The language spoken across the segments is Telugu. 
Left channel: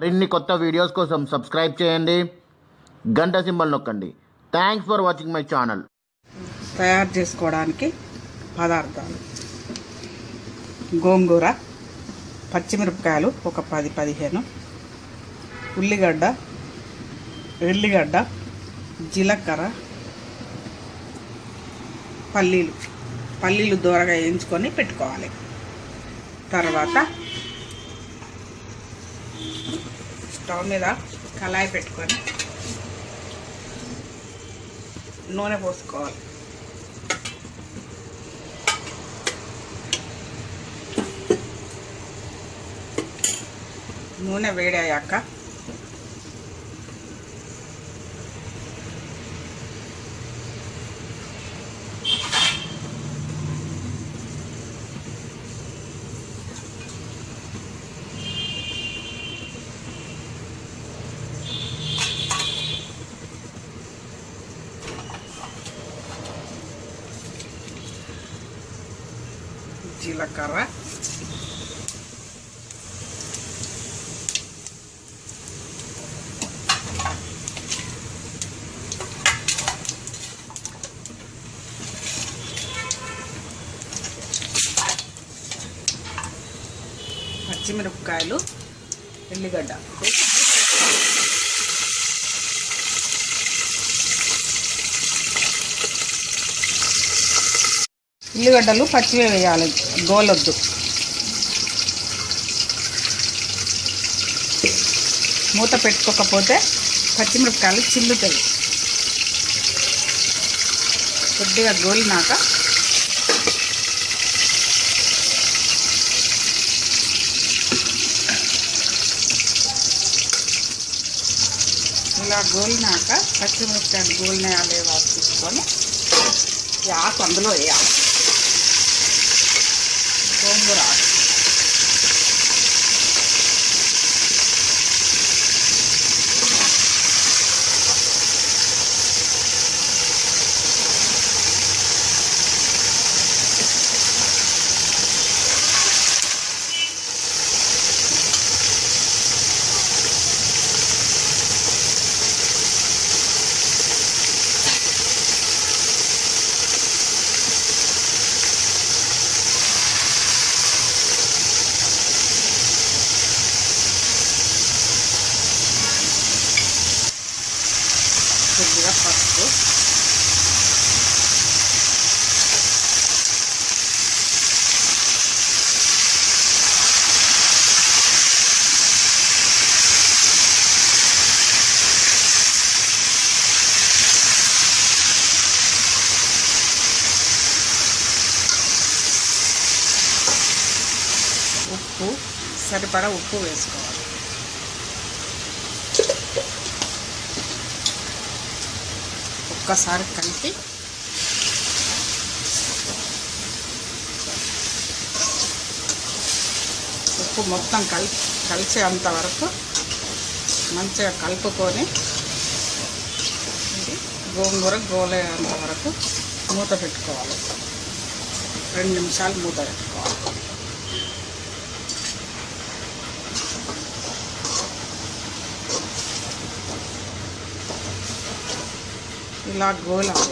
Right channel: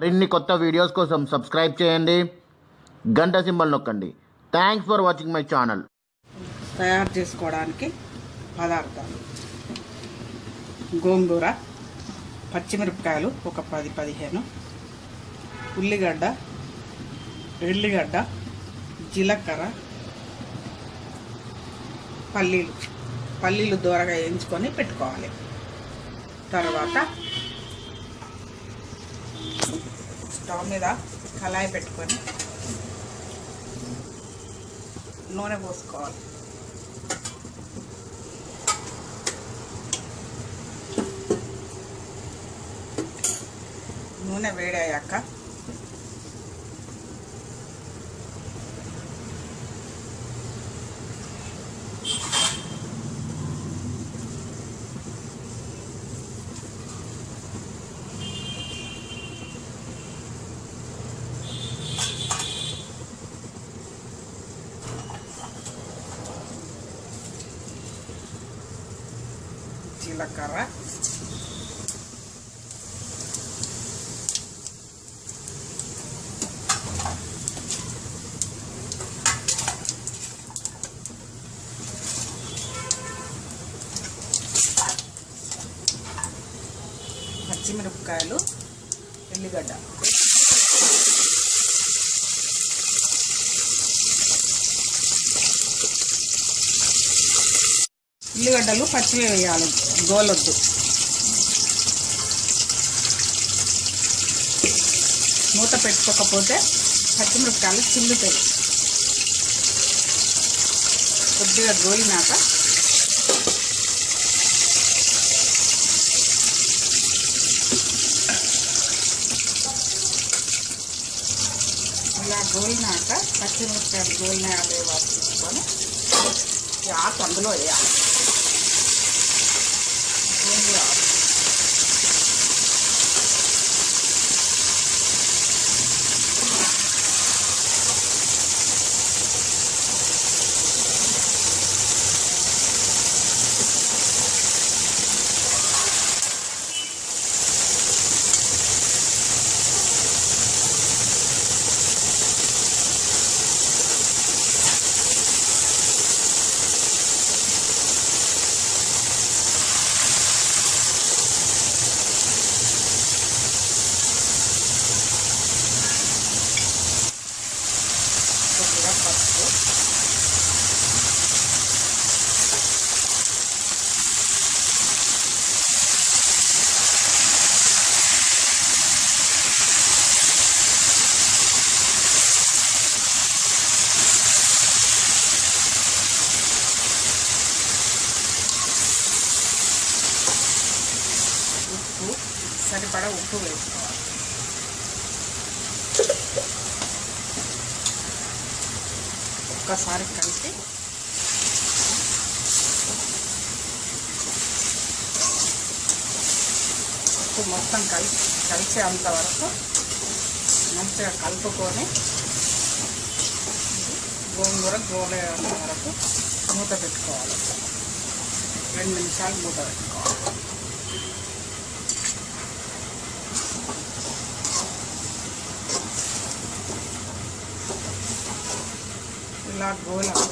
మరిన్ని కొత్త వీడియోస్ కోసం సబ్స్క్రైబ్ చేయండి, గంట సింబల్ నొక్కండి. Thanks for watching my channel. తయారు చేసుకోవడానికి పదార్థాలు: గోంగూర, పచ్చిమిరపకాయలు ఒక 10-15, ఎల్లిగడ్డ, జీలకర్ర, పల్లీలు దూరగా వేయించుకొని పెట్టుకోవాలి. తర్వాత స్టవ్ మీద కళాయి పెట్టుకొని నూనె పోసుకోవాలి. నూనె వేడయ్యాక జీలకర్ర, పచ్చిమిరపకాయలు, ఎల్లిగడ్డ ఉల్లిగడ్డలు పచ్చివే వేయాలి, గోలొద్దు. మూత పెట్టుకోకపోతే పచ్చిమిరపకాయలు చిల్లుతాయి. కొద్దిగా గోలినాక ఇలా గోలినాక పచ్చిమిరపకాయలు గోలినాయా లేవా తీసుకొని ఆకు అందులో వేయాలి. గోంగూర కొద్దిగా పసుపు, ఉప్పు, సరిపడా ఉప్పు వేసుకోవాలి. ఒక్కసారి కలిపి ఉప్పు మొత్తం కలిసేంత వరకు మంచిగా కలుపుకొని గోంగూర గోలేంత వరకు మూత పెట్టుకోవాలి. 2 నిమిషాలు మూత పెట్టుకోవాలి. ఇలా గోలాలి.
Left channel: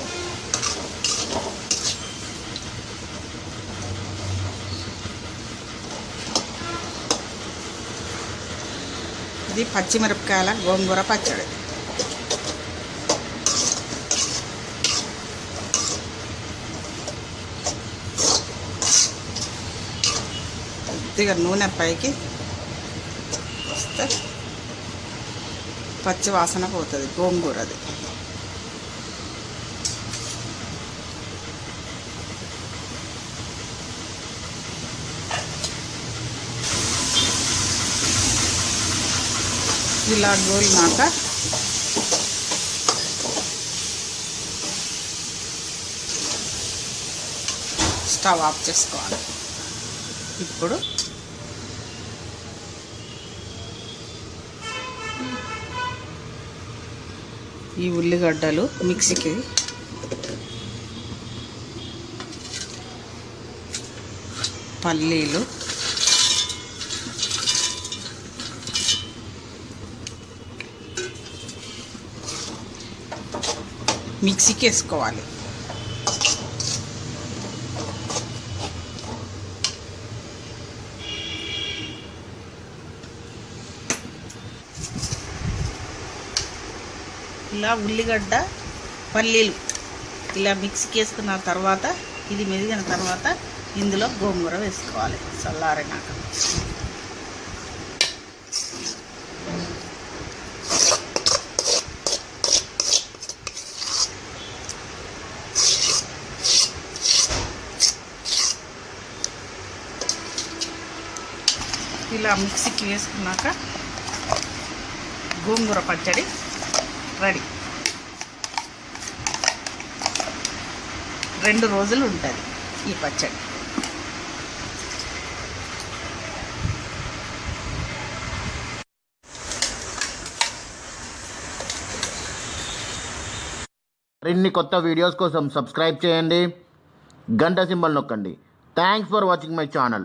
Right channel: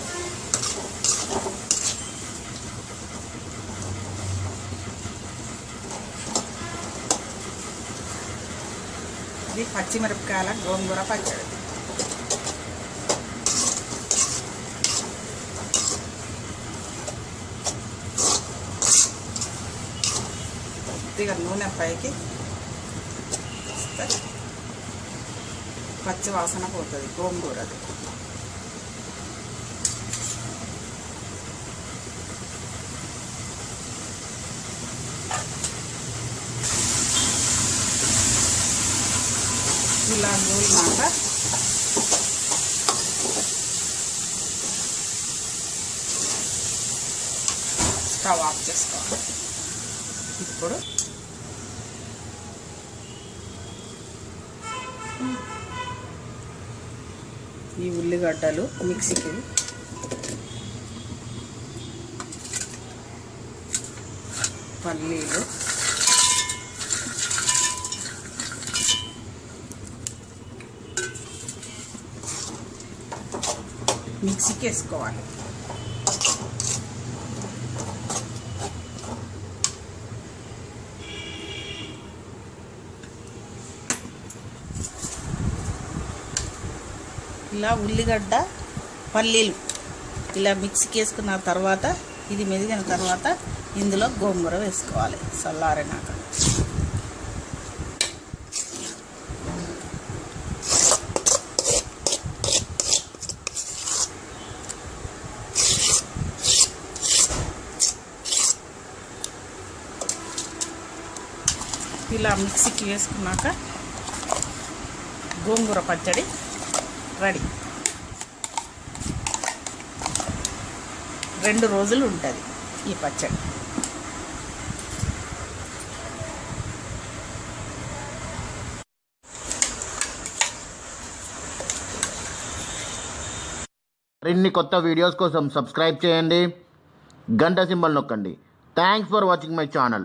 ఇది పచ్చిమిరపకాయల గోంగూర పచ్చడి. కొద్దిగా నూనె పైకి వస్తే పచ్చి వాసన పోతుంది గోంగూరది. ఇలా గోలినాక స్టవ్ ఆఫ్ చేసుకోవాలి. ఇప్పుడు ఈ ఉల్లిగడ్డలు మిక్సీకి పల్లీలు, మిక్సీకి వేసుకోవాలి. ఇలా ఉల్లిగడ్డ పల్లీలు ఇలా మిక్సీకి వేసుకున్న తర్వాత ఇది మెదిగిన తర్వాత ఇందులో గోంగూర వేసుకోవాలి చల్లారినాక. ఇలా మిక్సీకి వేసుకున్నాక గోంగూర పచ్చడి రెడీ. 2 రోజులు ఉంటుంది ఈ పచ్చడి. మరిన్ని కొత్త వీడియోస్ కోసం సబ్స్క్రైబ్ చేయండి, గంట సింబల్ నొక్కండి. Thanks for watching my channel.